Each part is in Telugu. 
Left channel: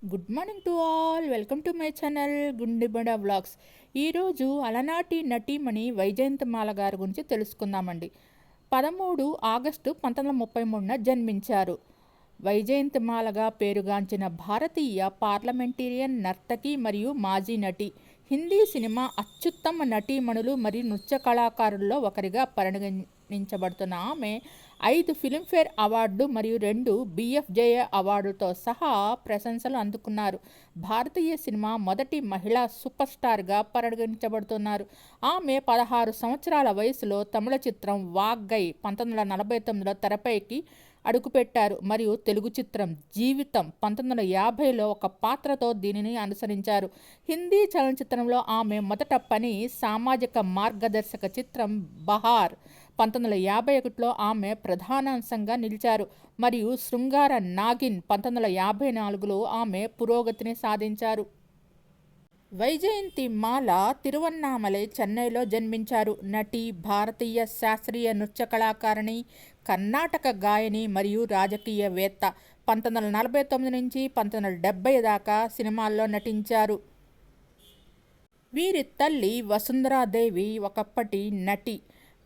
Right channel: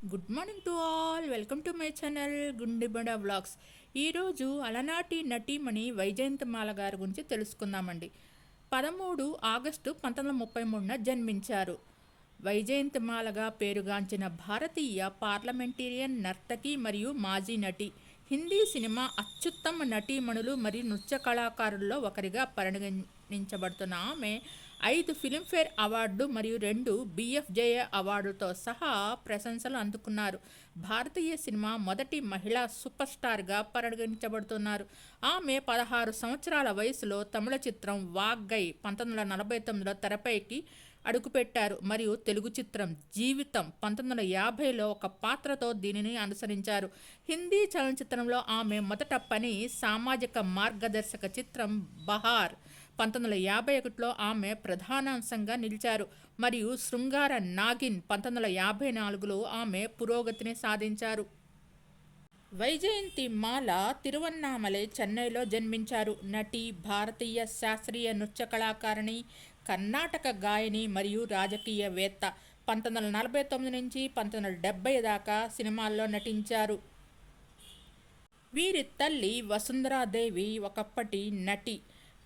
Good morning to all. Welcome to my channel Gundebada vlogs. ఈరోజు అలనాటి నటీమణి వైజయంతిమాల గారి గురించి తెలుసుకుందామండి. 13 ఆగస్టు 1933న జన్మించారు. వైజయంతిమాలగా పేరుగాంచిన భారతీయ పార్లమెంటేరియన్, నర్తకి మరియు మాజీ నటి. హిందీ సినిమా అత్యుత్తమ నటీమణులు మరియు నృత్య కళాకారుల్లో ఒకరిగా పరిగణించబడుతున్న ఆమె 5 ఫిల్మ్ఫేర్ అవార్డులు మరియు 2 బిఎఫ్జేఏ అవార్డులతో సహా ప్రశంసలు అందుకున్నారు. భారతీయ సినిమా మొదటి మహిళా సూపర్ స్టార్గా పరిగణించబడుతున్నారు. ఆమె 16 సంవత్సరాల వయసులో తమిళ చిత్రం వాగ్గై 1949లో తెరపైకి అడుగుపెట్టారు మరియు తెలుగు చిత్రం జీవితం 1950లో ఒక పాత్రతో దీనిని అనుసరించారు. హిందీ చలనచిత్రంలో ఆమె మొదట పని సామాజిక మార్గదర్శక చిత్రం బహార్ 1951లో ఆమె ప్రధానాంశంగా నిలిచారు మరియు శృంగార నాగిన్ 1954లో ఆమె పురోగతిని సాధించారు. వైజయంతి మాల తిరువన్నామలై, చెన్నైలో జన్మించారు. నటి, భారతీయ శాస్త్రీయ నృత్య కళాకారిణి, కర్ణాటక గాయని మరియు రాజకీయవేత్త. 1949 నుంచి 1970 దాకా సినిమాల్లో నటించారు. వీరి తల్లి వసుంధరాదేవి ఒకప్పటి నటి.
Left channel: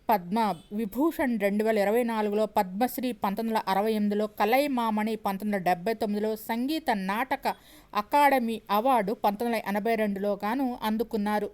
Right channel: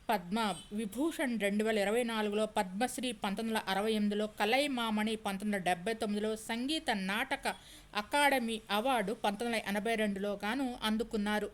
పద్మ విభూషణ్ 2024లో, పద్మశ్రీ 1968లో, కలైమామణి 1979లో, సంగీత నాటక అకాడమీ అవార్డు 1982లో గాను అందుకున్నారు.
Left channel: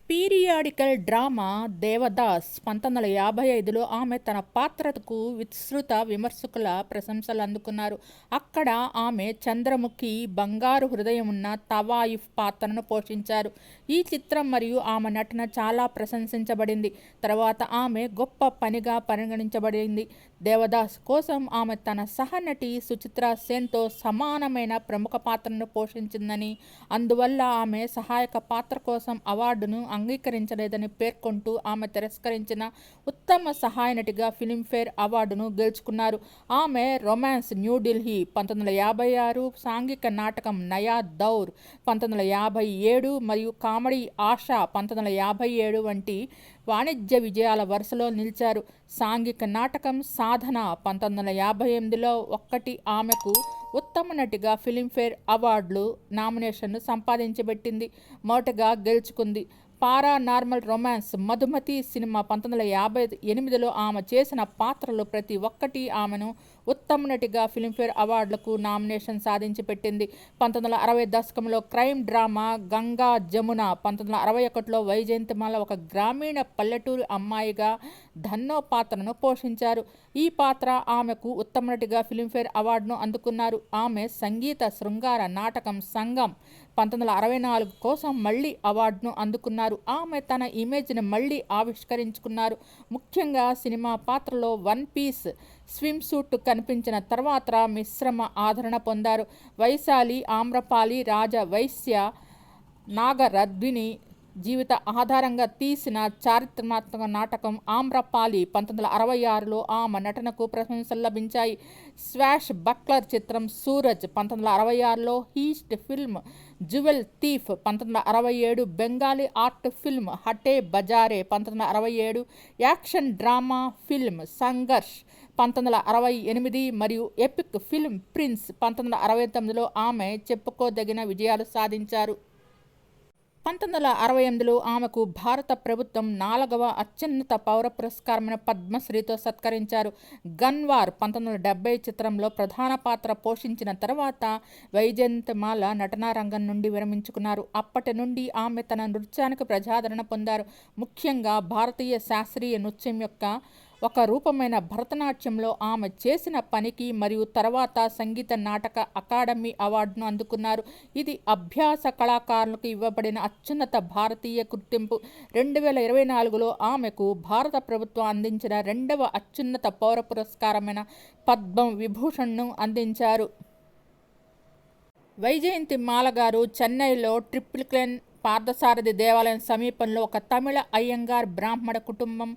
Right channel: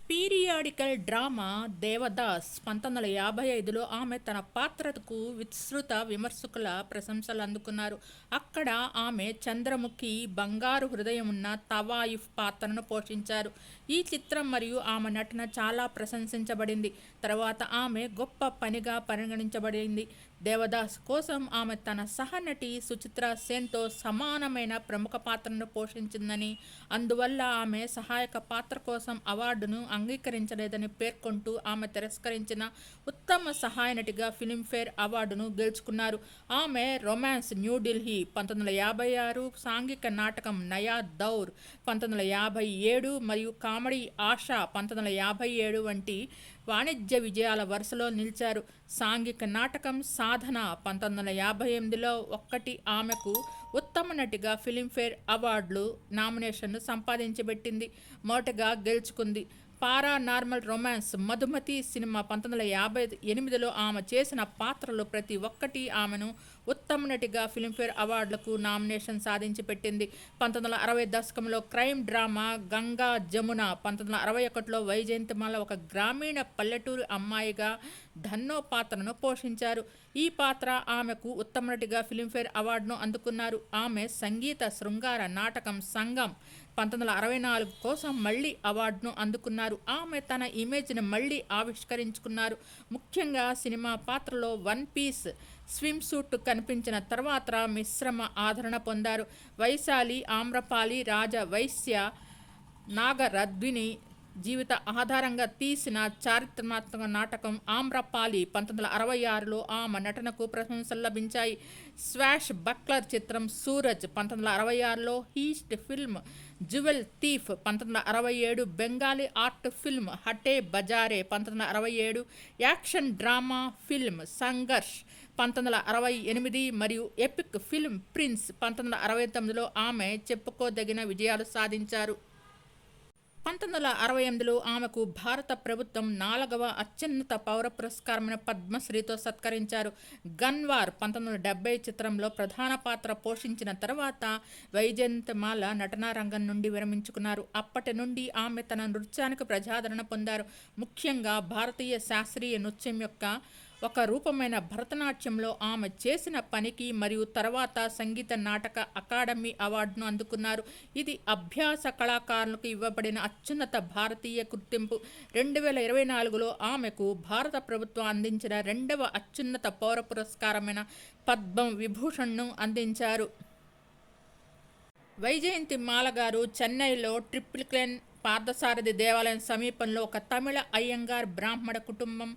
పీరియాడికల్ డ్రామా దేవదాస్ 1955లో ఆమె తన పాత్రకు విస్తృత విమర్శకుల ప్రశంసలు అందుకున్నారు. అక్కడ ఆమె చంద్రముఖి, బంగారు హృదయం ఉన్న తవాయిఫ్ పాత్రను పోషించారు. ఈ చిత్రం మరియు ఆమె నటన చాలా ప్రశంసించబడింది. తర్వాత ఆమె గొప్ప పనిగా పరిగణించబడింది. దేవదాస్ కోసం ఆమె తన సహనటి సుచిత్రా సేన్తో సమానమైన ప్రముఖ పాత్రను పోషించిందని, అందువల్ల ఆమె సహాయక పాత్ర కోసం అవార్డును అంగీకరించలేదని పేర్కొంటూ ఆమె తిరస్కరించిన ఉత్తమ సహాయ నటిగా ఫిల్మ్ఫేర్ అవార్డును గెలుచుకున్నారు. ఆమె రొమాన్స్ న్యూఢిల్లీ 1956, సాంఘిక నాటకం నయా దౌర్ 1957 మరియు కామెడీ ఆశా 1957 వంటి వాణిజ్య విజయాల వరుసలో నిలిచారు. సాంఘిక నాటకం సాధన 1958లో ఆమెకు ఉత్తమ నటిగా ఫిల్మ్ఫేర్ అవార్డులు నామినేషన్ను సంపాదించబెట్టింది, మొదటగా గెలుచుకుంది. పారానార్మల్ రొమాన్స్ మధుమతి సినిమా 1958లో ఆమె చేసిన పాత్రలు ప్రతి ఒక్కటి ఆమెను ఉత్తమ నటిగా ఫిల్మ్ఫేర్ అవార్డులకు నామినేషన్ సాధించి పెట్టింది. 1960 దశకంలో క్రైమ్ డ్రామా గంగా జమున 1961లో వైజయంతిమాల ఒక గ్రామీణ పల్లెటూరు అమ్మాయిగా ధన్నో పాత్రను పోషించారు. ఈ పాత్ర ఆమెకు ఉత్తమ నటిగా ఫిల్మ్ఫేర్ అవార్డును అందుకున్నారు. ఆమె సంగీత శృంగార నాటకం సంగం 1964 కోసం మళ్ళీ అవార్డును అందుకున్నారు. ఆమె తన ఇమేజ్ని మళ్ళీ ఆవిష్కరించుకున్నారు. ముఖ్యంగా సినిమా పాత్రలో వన్ పీస్ స్విమ్ సూట్ కనిపించిన తర్వాత మిశ్రమ ఆదరణ పొందారు. వైశాలి ఆమ్రపాలి రాజవైశ్య నాగరద్విని జీవిత ఆధారంగా తీసిన చారిత్రాత్మక నాటకం ఆమ్రపాలి 1966లో ఆమె నటనకు ప్రశంసలు లభించాయి. స్వాష్ బక్లర్ చిత్రం సూరజ్ 1966లో, heist film jewel thief 1967, Bengali art film Hatey Bazarey 1967, action drama film Sangharsh 1968 మరియు ఎపిక్ ఫిల్మ్ ప్రిన్స్ 1969లో ఆమె చెప్పుకోదగిన విజయాలు సాధించారు. 1968లో ఆమెకు భారత ప్రభుత్వం 4వ అత్యున్నత పౌర పురస్కారమైన పద్మశ్రీతో సత్కరించారు. గన్వార్ 1970 చిత్రంలో ప్రధాన పాత్ర పోషించిన తర్వాత వైజయంతిమాల నటనా రంగం నుండి విరమించుకున్నారు. అప్పటి నుండి ఆమె తన నృత్యానికి ప్రజాదరణ పొందారు. ముఖ్యంగా భారతీయ శాస్త్రీయ నృత్యం యొక్క ఒక రూపమైన భరతనాట్యంలో ఆమె చేసిన పనికి మరియు తర్వాత సంగీత నాటక అకాడమీ అవార్డును అందుకున్నారు. ఇది అభ్యాస కళాకారులకు ఇవ్వబడిన అత్యున్నత భారతీయ గుర్తింపు. 2024లో ఆమెకు భారత ప్రభుత్వం అందించిన 2వ అత్యున్నత పౌర పురస్కారమైన పద్మ విభూషణ్ను అందించారు. వైజయంతిమాల గారు చెన్నైలో ట్రిప్లికేన్ పార్థసారథి దేవాలయం సమీపంలో ఒక తమిళ అయ్యంగార్ బ్రాహ్మణ కుటుంబం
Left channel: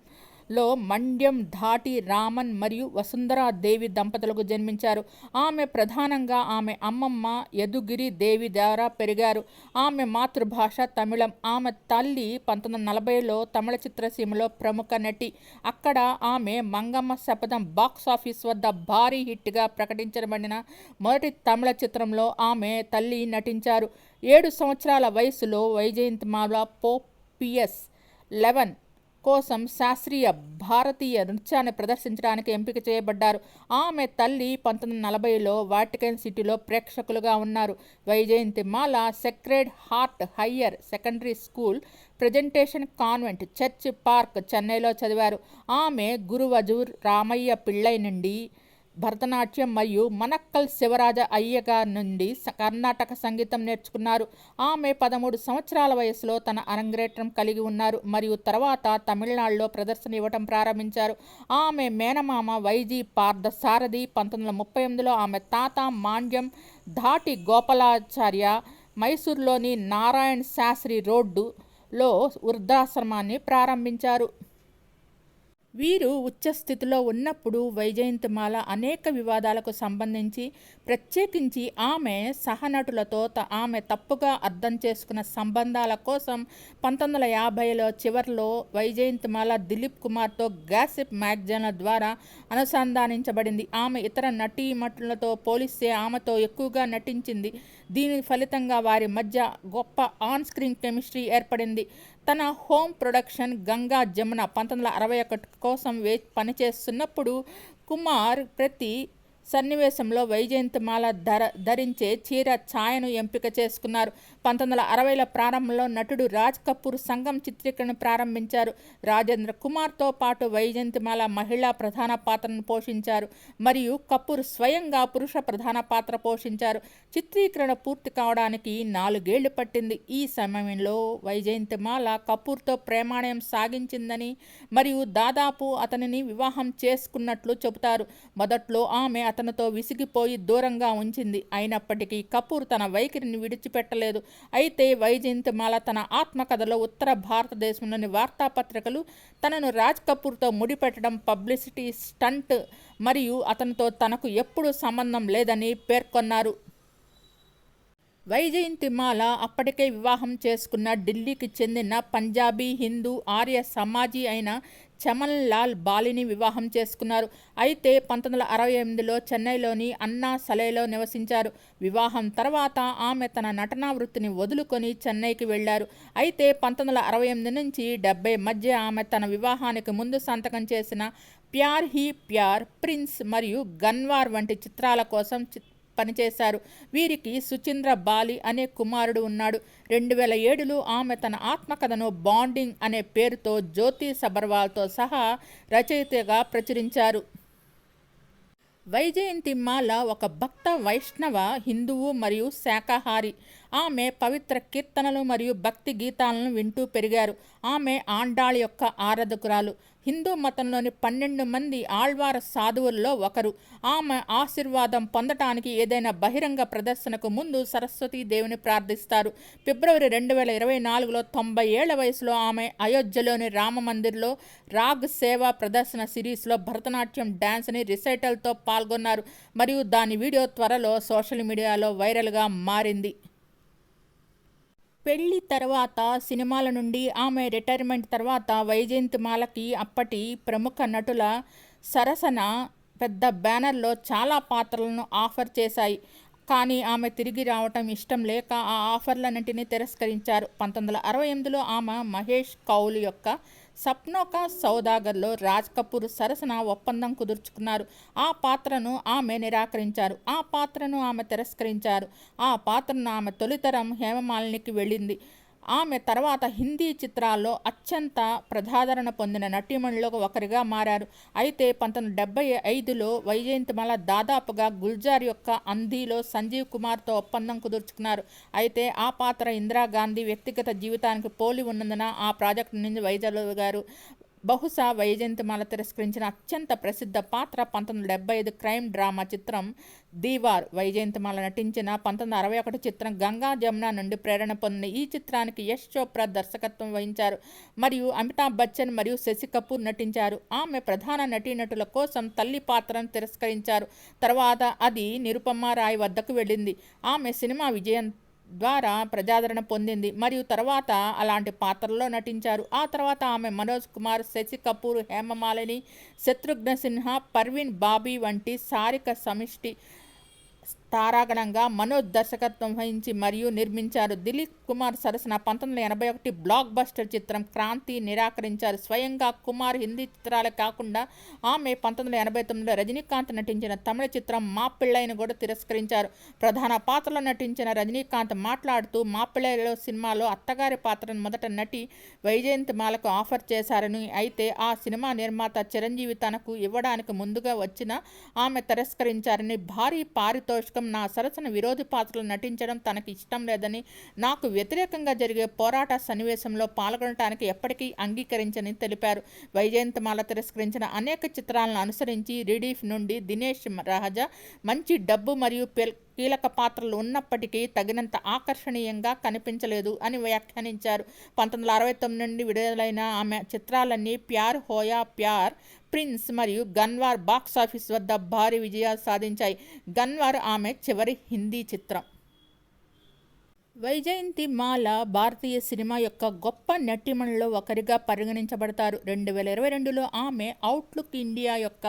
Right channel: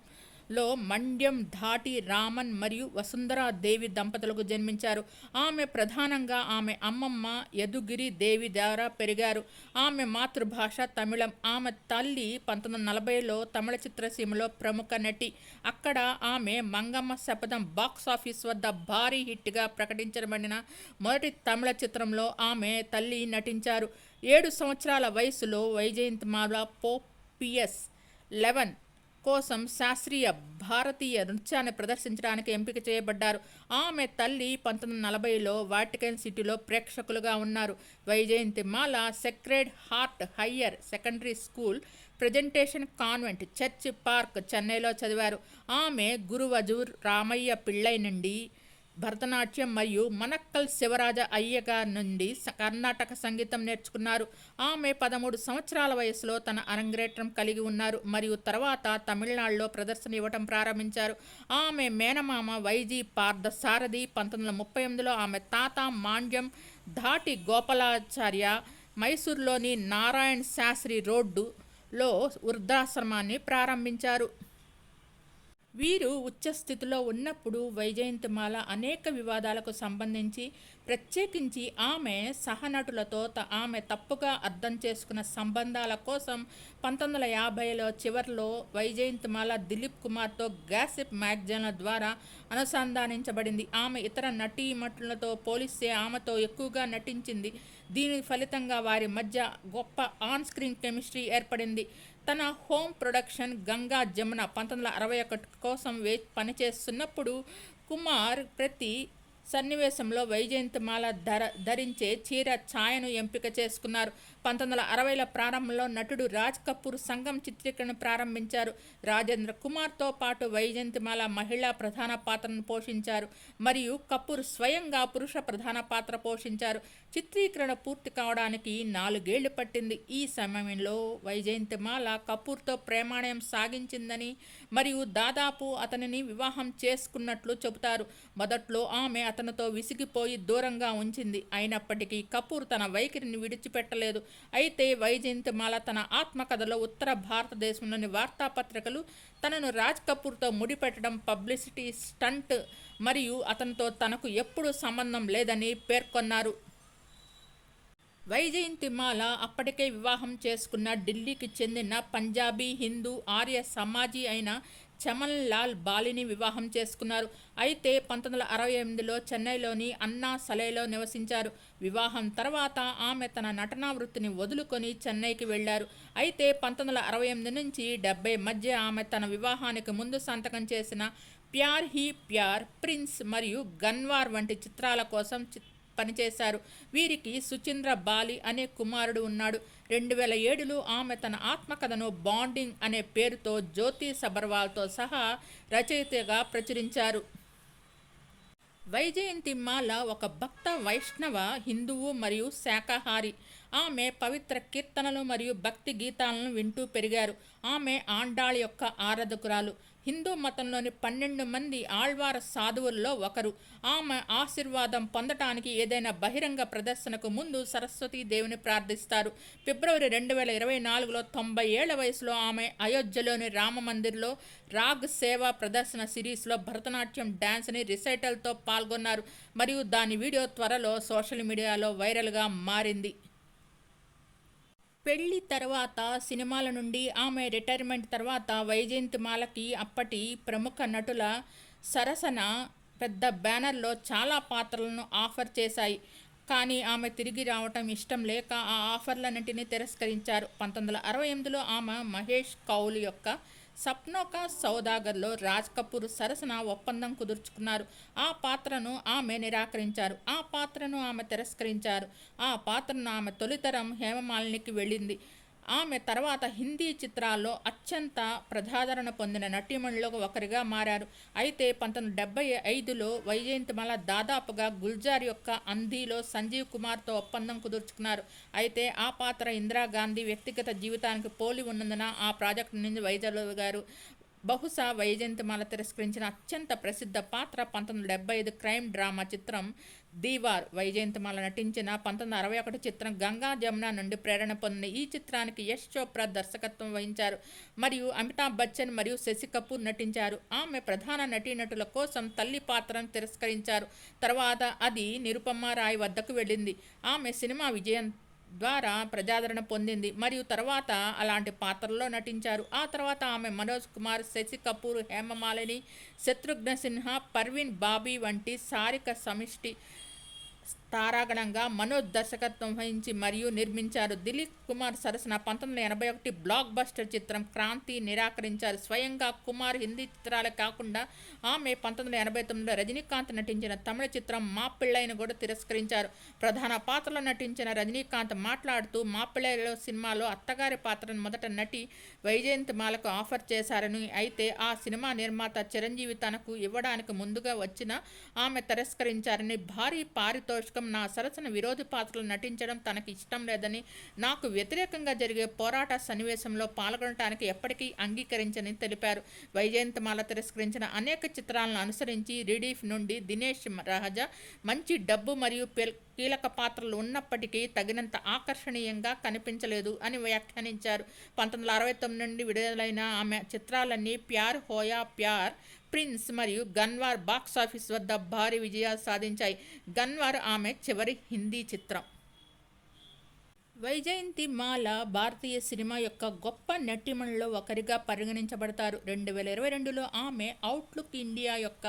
లో మండ్యం ధాటి రామన్ మరియు వసుంధరా దేవి దంపతులకు జన్మించారు. ఆమె ప్రధానంగా ఆమె అమ్మమ్మ యదుగిరి దేవి ద్వారా పెరిగారు. ఆమె మాతృభాష తమిళం. ఆమె తల్లి 1940లో తమిళ చిత్రసీమలో ప్రముఖ నటి. అక్కడ ఆమె మంగమ్మ శపథం బాక్సాఫీస్ వద్ద భారీ హిట్గా ప్రకటించబడిన మొదటి తమిళ చిత్రంలో ఆమె తల్లి నటించారు. 7 సంవత్సరాల వయసులో వైజయంతిమాల పిఎస్ 11 కోసం శాస్త్రీయ భారతీయ నృత్యాన్ని ప్రదర్శించడానికి ఎంపిక చేయబడ్డారు. ఆమె తల్లి 1940లో వాటికన్ సిటీలో ప్రేక్షకులుగా ఉన్నారు. Vyjayanthimala sacred heart higher secondary school, presentation convent, church park, చెన్నైలో చదివారు. ఆమె గురువజూర్ రామయ్య పిళ్ళై నుండి భరతనాట్యం మరియు మనక్కల్ శివరాజ అయ్యగార్ నుండి కర్ణాటక సంగీతం నేర్చుకున్నారు. ఆమె 13 సంవత్సరాల వయసులో తన అరంగేట్రం కలిగి ఉన్నారు మరియు తర్వాత తమిళనాడులో ప్రదర్శన ఇవ్వటం ప్రారంభించారు. ఆమె మేనమామ వైజీ పార్థసారథి 1938లో ఆమె తాత మాండ్యం ధాటి గోపాలాచార్య మైసూర్లోని నారాయణ్ శాస్త్రి రోడ్డులో వృద్ధాశ్రమాన్ని ప్రారంభించారు. వీరు ఉచ్చస్థితిలో ఉన్నప్పుడు వైజయంతిమాల అనేక వివాదాలకు సంబంధించి, ప్రత్యేకించి ఆమె సహనటులతో ఆమె తప్పుగా అర్థం చేసుకున్న సంబంధాల కోసం 1950లో చివర్లో వైజయంతిమాల దిలీప్ కుమార్తో గాసిప్ మ్యాగజైన్ల ద్వారా అనుసంధానించబడింది. ఆమె ఇతర నటీమణులతో పోలిస్తే ఆమెతో ఎక్కువగా నటించింది. దీని ఫలితంగా వారి మధ్య గొప్ప ఆన్ స్క్రీన్ కెమిస్ట్రీ ఏర్పడింది. తన హోమ్ ప్రొడక్షన్ గంగా జమున 1961 కోసం పనిచేస్తున్నప్పుడు కుమార్ ప్రతి సన్నివేశంలో వైజయంతిమాల ధరించే చీర ఛాయను ఎంపిక చేసుకున్నారు. 1960ల ప్రారంభంలో నటుడు రాజ్ కపూర్ సంఘం చిత్రీకరణ ప్రారంభించారు. రాజేంద్ర కుమార్తో పాటు వైజయంతిమాల మహిళా ప్రధాన పాత్రను పోషించారు మరియు కపూర్ స్వయంగా పురుష ప్రధాన పాత్ర పోషించారు. చిత్రీకరణ పూర్తి కావడానికి 4 ఏళ్లు పట్టింది. ఈ సమయంలో వైజయంతిమాల కపూర్తో ప్రేమాయణం సాగించిందని మరియు దాదాపు అతనిని వివాహం చేసుకున్నట్లు చెబుతారు. మొదట్లో ఆమె అతనితో విసిగిపోయి దూరంగా ఉంచింది. అయినప్పటికీ కపూర్ తన వైఖరిని విడిచిపెట్టలేదు. అయితే వైజయంతిమాల తన ఆత్మకథలో ఉత్తర భారతదేశంలోని వార్తాపత్రికలు తనను రాజ్ కపూర్తో ముడిపెట్టడం పబ్లిసిటీ స్టంట్ మరియు అతనితో తనకు ఎప్పుడూ సంబంధం లేదని పేర్కొన్నారు. వైజయంతిమాల అప్పటికే వివాహం చేసుకున్న ఢిల్లీకి చెందిన పంజాబీ హిందూ ఆర్య సమాజీ అయిన చమన్ లాల్ బాలిని వివాహం చేసుకున్నారు. అయితే 1968లో చెన్నైలోని అన్నా సలేలో నివసించారు. వివాహం తర్వాత ఆమె తన నటనా వృత్తిని వదులుకొని చెన్నైకి వెళ్లారు. అయితే 1968 నుంచి 70 మధ్య ఆమె తన వివాహానికి ముందు సంతకం చేసిన ప్యార్ హీ ప్యార్, ప్రిన్స్ మరియు గన్వార్ వంటి చిత్రాల కోసం పనిచేశారు. వీరికి సుచింద్ర బాలి అనే కుమారుడు ఉన్నాడు. 2007లో ఆమె తన ఆత్మకథను బాండింగ్ అనే పేరుతో జ్యోతి సబర్వాల్తో సహా రచయితగా ప్రచురించారు. వైజయంతిమాల ఒక భక్త వైష్ణవ హిందువు మరియు శాకాహారి. ఆమె పవిత్ర కీర్తనలు మరియు భక్తి గీతాలను వింటూ పెరిగారు. ఆమె ఆండాళ్ యొక్క ఆరాధకురాలు. హిందూ మతంలోని 12 మంది ఆళ్వార సాధువుల్లో ఒకరు. ఆమె ఆశీర్వాదం పొందటానికి ఏదైనా బహిరంగ ప్రదర్శనకు ముందు సరస్వతీదేవిని ప్రార్థిస్తారు. ఫిబ్రవరి 2024లో 90 ఏళ్ల వయసులో ఆమె అయోధ్యలోని రామ మందిర్లో రాగ్ సేవా ప్రదర్శన సిరీస్లో భరతనాట్యం డ్యాన్స్ని రిసైటల్తో పాల్గొన్నారు మరియు దాని వీడియో త్వరలో సోషల్ మీడియాలో వైరల్గా మారింది. పెళ్లి తర్వాత సినిమాల నుండి ఆమె రిటైర్మెంట్ తర్వాత వైజయంతిమాలకి అప్పటి ప్రముఖ నటుల సరసన పెద్ద బ్యానర్లో చాలా పాత్రలను ఆఫర్ చేశాయి. కానీ ఆమె తిరిగి రావటం ఇష్టం లేక ఆ ఆఫర్లన్నింటినీ తిరస్కరించారు. 1968లో ఆమె మహేష్ కౌల్ యొక్క సప్నో కా సౌదాగర్లో రాజ్ కపూర్ సరసన ఒప్పందం కుదుర్చుకున్నారు. ఆ పాత్రను ఆమె నిరాకరించారు. ఆ పాత్రను ఆమె తిరస్కరించారు. ఆ పాత్రను ఆమె తొలితరం హేమమాలినికి వెళ్ళింది. ఆమె తర్వాత హిందీ చిత్రాల్లో అత్యంత ప్రజాదరణ పొందిన నటీమణుల్లో ఒకరిగా మారారు. అయితే 1975లో వైజయంతిమాల దాదాపుగా గుల్జార్ యొక్క అంధీలో సంజీవ్ కుమార్తో ఒప్పందం కుదుర్చుకున్నారు. అయితే ఆ పాత్ర ఇందిరాగాంధీ వ్యక్తిగత జీవితానికి పోలి ఉన్నందున ఆ ప్రాజెక్టు నుంచి వైదొలిగారు. బహుశా వైజయంతిమాల తిరస్కరించిన అత్యంత ప్రసిద్ధ పాత్ర 1975 క్రైమ్ డ్రామా చిత్రం దీవార్. వైజయంతిమాల నటించిన 1961 చిత్రం గంగా జమున నుండి ప్రేరణ పొందిన ఈ చిత్రానికి యశ్ చోప్రా దర్శకత్వం వహించారు మరియు అమితాబ్ బచ్చన్ మరియు శశి కపూర్ నటించారు. ఆమె ప్రధాన నటీనటుల కోసం తల్లి పాత్రను తిరస్కరించారు. తర్వాత అది నిరుపమా రాయ్ వద్దకు వెళ్ళింది. ఆమె సినిమా విజయం ద్వారా ప్రజాదరణ పొందింది మరియు తర్వాత అలాంటి పాత్రల్లో నటించారు. ఆ తర్వాత ఆమె మనోజ్ కుమార్, శశి కపూర్, హేమమాలిని, శత్రుఘ్న సిన్హా, పర్వీన్ బాబీ వంటి సారిక సమిష్టి తారాగణంగా మనోజ్ దర్శకత్వం వహించి మరియు నిర్మించారు. దిలీప్ కుమార్ సరసన 1981 బ్లాక్ బస్టర్ చిత్రం క్రాంతి నిరాకరించారు. స్వయంగా కుమార్ హిందీ చిత్రాలే కాకుండా ఆమె 1989లో రజనీకాంత్ నటించిన తమిళ చిత్రం మాపిళ్ళైను కూడా తిరస్కరించారు. ప్రధాన పాత్రలో నటించిన రజనీకాంత్ మాట్లాడుతూ, మాపిళ్ళైలో సినిమాలో అత్తగారి పాత్రను మొదట నటి వైజయంతిమాలకు ఆఫర్ చేశారని, అయితే ఆ సినిమా నిర్మాత చిరంజీవి తనకు ఇవ్వడానికి ముందుగా వచ్చిన ఆమె తిరస్కరించారని, భారీ పారితోషికం నా సరసన విరోధి పాత్రలు నటించడం తనకి ఇష్టం లేదని, నాకు వ్యతిరేకంగా జరిగే పోరాట సన్నివేశంలో పాల్గొనడానికి ఎప్పటికీ అంగీకరించని తెలిపారు. వైజయంతిమాల తిరస్కరించిన అనేక చిత్రాలను అనుసరించి రిలీఫ్ నుండి దినేష్ రాజా మంచి డబ్బు మరియు కీలక పాత్రలు ఉన్నప్పటికీ తగినంత ఆకర్షణీయంగా కనిపించలేదు అని వ్యాఖ్యానించారు. 1969 నుండి విడుదలైన ఆమె చిత్రాలన్నీ ప్యార్ హోయా ప్యార్, ప్రిన్స్ మరియు గన్వార్ బాక్సాఫీస్ వద్ద భారీ విజయాలు సాధించాయి. గన్వార్ ఆమె చివరి హిందీ చిత్రం. వైజయంతిమాల భారతీయ సినిమా యొక్క గొప్ప నటీమణుల్లో ఒకరిగా పరిగణించబడతారు. 2022లో ఆమె అవుట్లుక్ ఇండియా యొక్క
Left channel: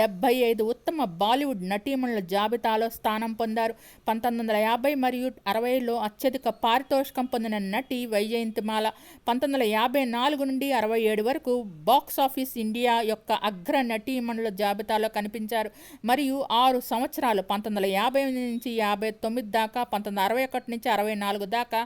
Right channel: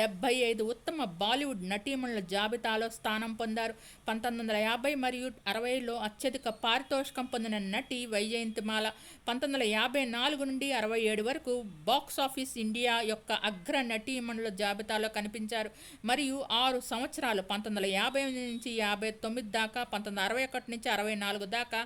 75 ఉత్తమ బాలీవుడ్ నటీమణుల జాబితాలో స్థానం పొందారు. 1950 మరియు 60లో అత్యధిక పారితోషికం పొందిన నటి వైజయంతిమాల. 1954 నుండి 67 వరకు బాక్సాఫీస్ ఇండియా యొక్క అగ్ర నటీమణుల జాబితాలో కనిపించారు మరియు 6 సంవత్సరాలు 1950 నుంచి 59 దాకా, 1961 నుంచి 64 దాకా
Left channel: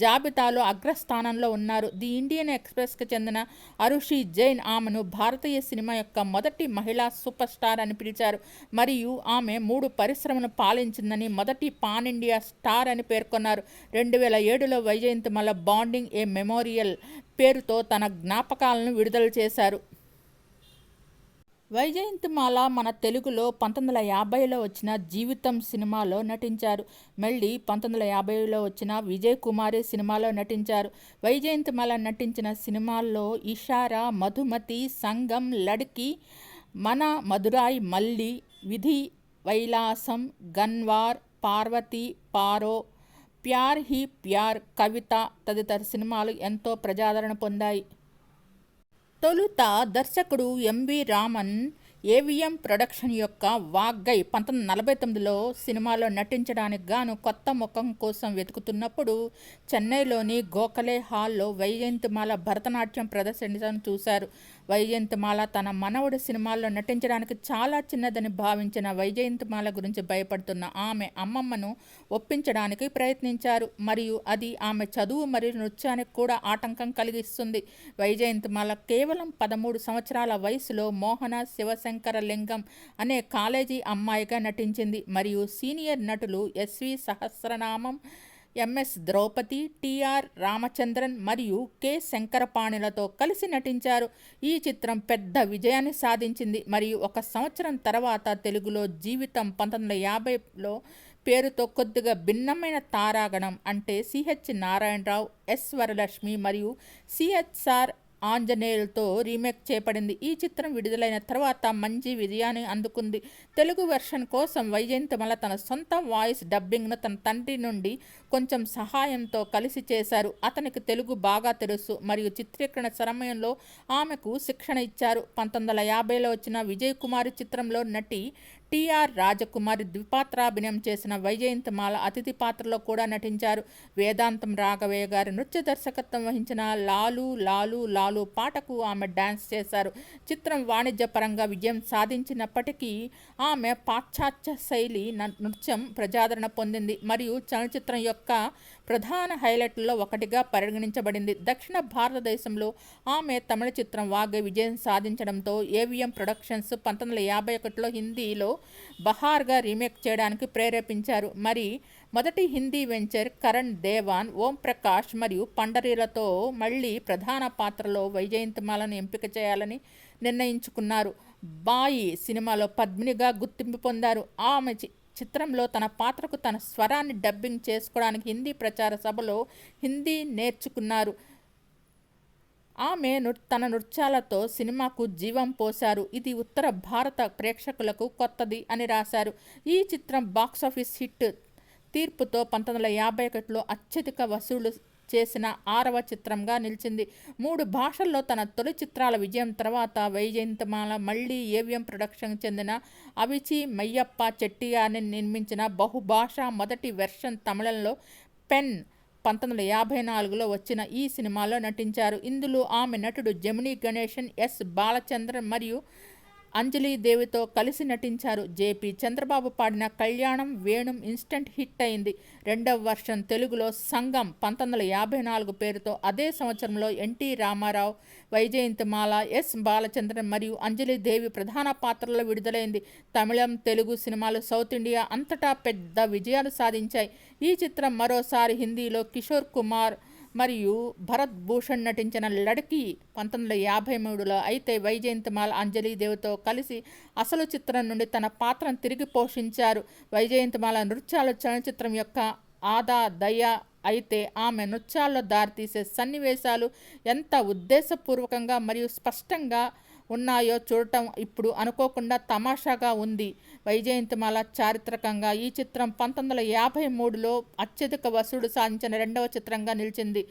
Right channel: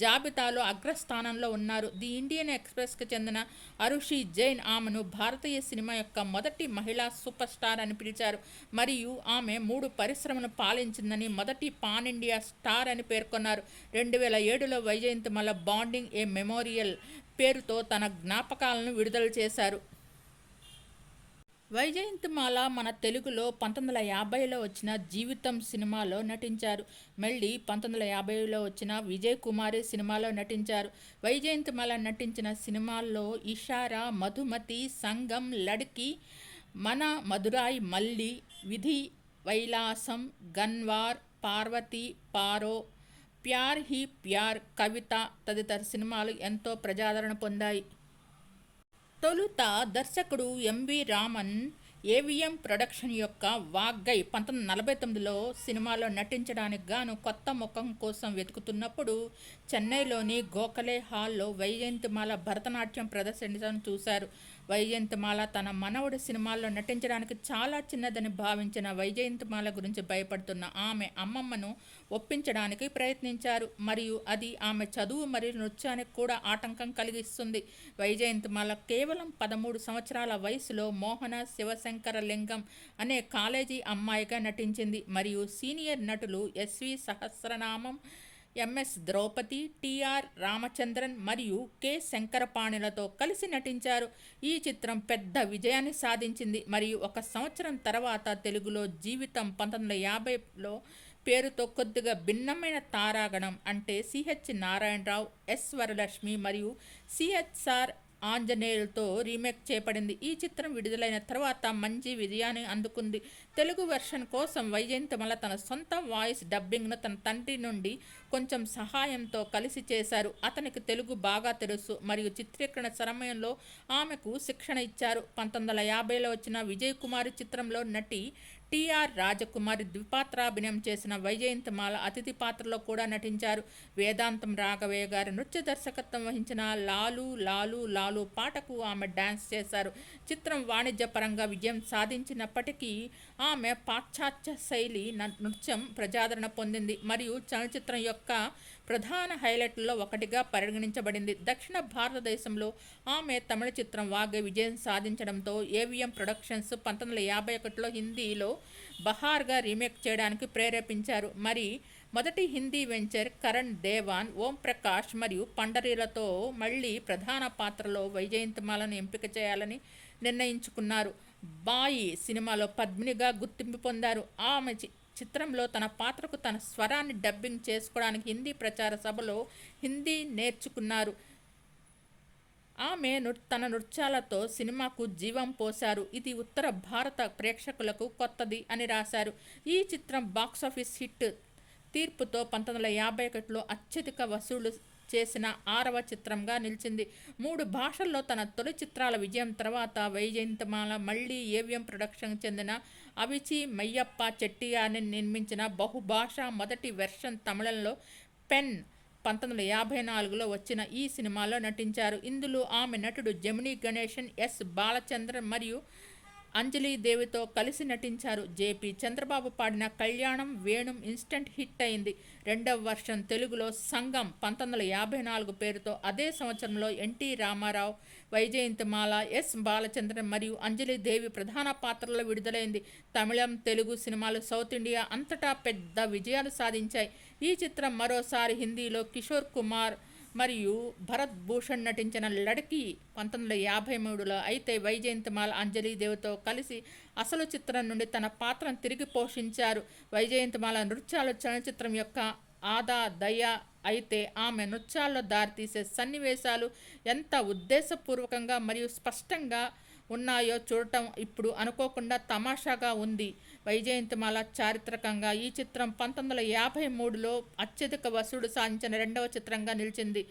జాబితాలో అగ్రస్థానంలో ఉన్నారు. ది ఇండియన్ ఎక్స్ప్రెస్కి చెందిన అరుషి జైన్ ఆమెను భారతీయ సినిమా యొక్క మొదటి మహిళా సూపర్ స్టార్ అని పిలిచారు మరియు ఆమె 3 పరిశ్రమను పాలించిందని, మొదటి పాన్ ఇండియా స్టార్ అని పేర్కొన్నారు. 2007లో వైజయంతిమాల బాండింగ్ ఏ మెమోరియల్ పేరుతో తన జ్ఞాపకాలను విడుదల చేశారు. వైజయంతిమాల మన తెలుగులో 1950లో వచ్చిన జీవితం సినిమాలో నటించారు. మళ్ళీ 1950లో వచ్చిన విజయ్ కుమారి సినిమాలో నటించారు. వైజయంతిమాల నటించిన సినిమాల్లో ఇషారా, మధుమతి, సంగం, లడ్కి, మన మధురాయ్ మల్లి, విధి వైలాసం, గన్వార్, పార్వతి, పారో, ప్యార్ హీ ప్యార్, కవిత తదితర సినిమాలు ఎంతో ప్రజాదరణ పొందాయి. తొలుత దర్శకుడు ఎంవి రామన్ ఏవిఎం ప్రొడక్షన్ యొక్క వాగ్గై 1949లో సినిమాలో నటించడానికి గాను కొత్త ముఖం కోసం వెతుకుతున్నప్పుడు చెన్నైలోని గోఖలే హాల్లో వైజయంతిమాల భరతనాట్యం ప్రదర్శించడం చూశారు. వైజయంతిమాల తన మనవడు సినిమాల్లో నటించడానికి చాలా చిన్నదని భావించిన వైజయంతిమాల గురించి భయపడుతున్న ఆమె అమ్మమ్మను ఒప్పించడానికి ప్రయత్నించారు మరియు అది ఆమె చదువు మరియు నృత్యానికి కూడా ఆటంకం కలిగిస్తుంది. వైజయంతిమాల కేవలం 13 సంవత్సరాల వయసులో మోహన శివశంకర లింగం అనే కాలేజీ అమ్మాయిగా నటించింది మరియు సీనియర్ నటులు ఎస్వి సహస్రనామం, ఎంఎస్ ద్రౌపది, టిఆర్ రామచంద్రన్ మరియు కె శంకరపాణిలతో కలిసి నటించారు. ఈ చిత్రం పెద్ద విజయాన్ని సాధించింది మరియు 1 సంవత్సరం తర్వాత తెలుగులో జీవితం 1950లో పేరుతో కొద్దిగా భిన్నమైన తారాగణం అంటే సిహెచ్ నారాయణరావు, ఎస్ వరలక్ష్మి మరియు సిహెచ్ఆర్ ఆంజనేయులతో రీమేక్ చేయబడింది. ఈ చిత్రం విడుదలైన తర్వాత మంచి విజయాన్ని అందుకుంది. తెలుగు వెర్షన్ కోసం వైజయంతిమాల తన సొంత వాయిస్ డబ్బింగ్ను తన తండ్రి నుండి కొంచెం సహాయంతో కలిసి చేశారు. అతనికి తెలుగు బాగా తెలుసు మరియు చిత్రీకరణ సమయంలో ఆమెకు శిక్షణ ఇచ్చారు. 1950లో వచ్చిన విజయ్ కుమారి చిత్రంలో నటి టిఆర్ రాజకుమారి ద్విపాత్రాభినయం చేసిన వైజయంతిమాల అతిథి పాత్రలో కూడా నటించారు. వేదాంతం రాఘవయ్య గారి నృత్య దర్శకత్వం వహించిన లాలు లాలు లాలు పాటకు ఆమె డాన్స్ చేశారు. చిత్రం వాణిజ్యపరంగా విజయం సాధించినప్పటికీ ఆమె పాశ్చాత్య శైలి నృత్యం ప్రజాదరణ పొందింది మరియు చలనచిత్రం యొక్క ప్రధాన హైలైట్లలో ఒకటిగా పరిగణించబడింది. దక్షిణ భారతదేశంలో ఆమె తమిళ చిత్రం వాగే విజయం సాధించడంతో ఏవిఎం ప్రొడక్షన్స్ 1951లో హిందీలో బహార్గా రీమేక్ చేయడానికి ప్రేరేపించారు. మరి మొదటి హిందీ వెంచర్ కరణ్ దేవాన్, ఓం ప్రకాష్ మరియు పండరీలతో మళ్ళీ ప్రధాన పాత్రలో వైజయంతిమాలను ఎంపిక చేయాలని నిర్ణయించుకున్నారు. బాయి సినిమాలో పద్మినిగా గుర్తింపు పొందారు. ఆమె చిత్రంలో తన పాత్రకు తన స్వరాన్ని డబ్బింగ్ చేసుకోవడానికి హిందీ ప్రచార సభలో హిందీ నేర్చుకున్నారు. ఆమె తన నృత్యాలతో సినిమాకు జీవం పోశారు. ఇది ఉత్తర భారత ప్రేక్షకులకు కొత్తది అని రాశారు. ఈ చిత్రం బాక్సాఫీస్ హిట్ తీర్పుతో 1951లో అత్యధిక వసూలు చేసిన 6వ చిత్రంగా నిలిచింది. 3 భాషల్లో తన తొలి చిత్రాల విజయం తర్వాత వైజయంతిమాల మళ్ళీ ఏవిఎం ప్రొడక్షన్ చెందిన అవిచి మయ్యప్ప చెట్టియార్ని నిర్మించిన బహుభాషా మొదటి వెర్షన్ తమిళంలో పెన్ 1954లో వచ్చిన ఈ సినిమాలో నటించారు. ఇందులో ఆమె నటుడు జమినీ గణేశన్, ఎస్ బాలచంద్రన్ మరియు అంజలీదేవితో కలిసి నటించారు. జేపీ చంద్రబాబు పాడిన కళ్యాణం వేణుం ఇన్స్టెంట్ హిట్ అయింది. రెండవ వర్షన్ తెలుగులో సంగం 1954 పేరుతో అదే సంవత్సరంలో ఎన్టీ రామారావు, వైజయంతిమాల, ఎస్ బాలచంద్రన్ మరియు అంజలీదేవి ప్రధాన పాత్రల్లో విడుదలైంది. తమిళం, తెలుగు సినిమాలు సౌత్ ఇండియా అంతటా పెద్ద విజయాలు సాధించాయి. ఈ చిత్రం మరోసారి హిందీలో కిషోర్ కుమార్ మరియు భరత్ భూషణ్ నటించిన లడ్కీ 1953లో. అయితే వైజయంతిమాల అంజలీదేవితో కలిసి అసలు చిత్రం నుండి తన పాత్రను తిరిగి పోషించారు. వైజయంతిమాల నృత్యాలు చలనచిత్రం యొక్క దయ. అయితే ఆమె నృత్యాల్లో దారితీసే సన్నివేశాలు ఎంత ఉద్దేశపూర్వకంగా మరియు స్పష్టంగా ఉన్నాయో చూడటం ఇప్పుడు అనుకోకుండా తమాషాగా ఉంది. వైజయంతిమాల చారిత్రకంగా ఈ చిత్రం 1953లో అత్యధిక వసూలు సాధించిన 2వ చిత్రంగా నిలిచింది.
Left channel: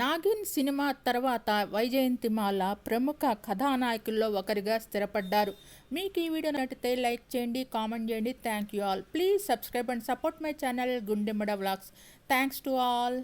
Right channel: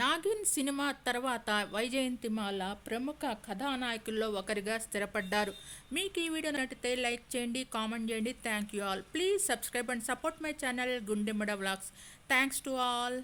నాగిన్ సినిమా తర్వాత వైజయంతిమాల ప్రముఖ కథానాయకుల్లో ఒకరిగా స్థిరపడ్డారు. మీకు ఈ వీడియో నచ్చితే లైక్ చేయండి, కామెంట్ చేయండి. Thank you all. Please subscribe and support my channel గుండెమ్మడ వ్లాగ్స్. Thanks to all.